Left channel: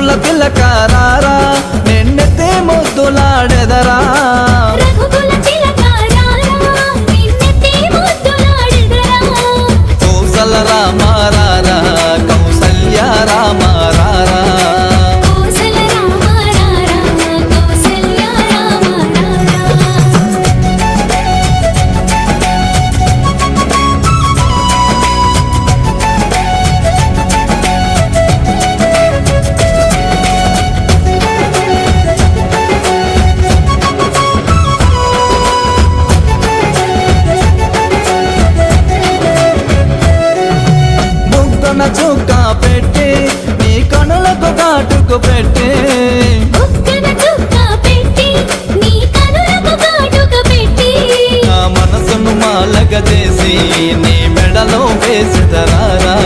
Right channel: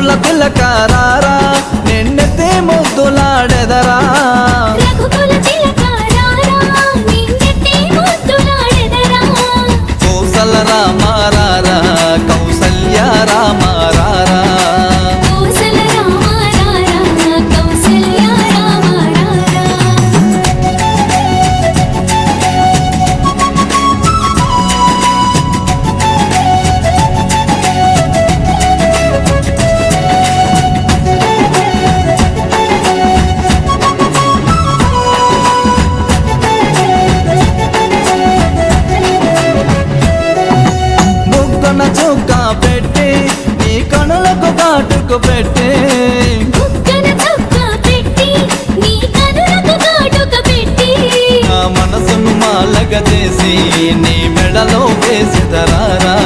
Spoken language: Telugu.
రఘుకుల తిలకారారా నిన్నెత్తే ముద్దులాడెదరా కౌసల రామారారా కౌసల్య రామారారా చుక్క పెట్టి నీ కనులకు కాటుకు పెట్టి నా మనసును మాలగ చేసి నీ మెడలో వేసిదరారా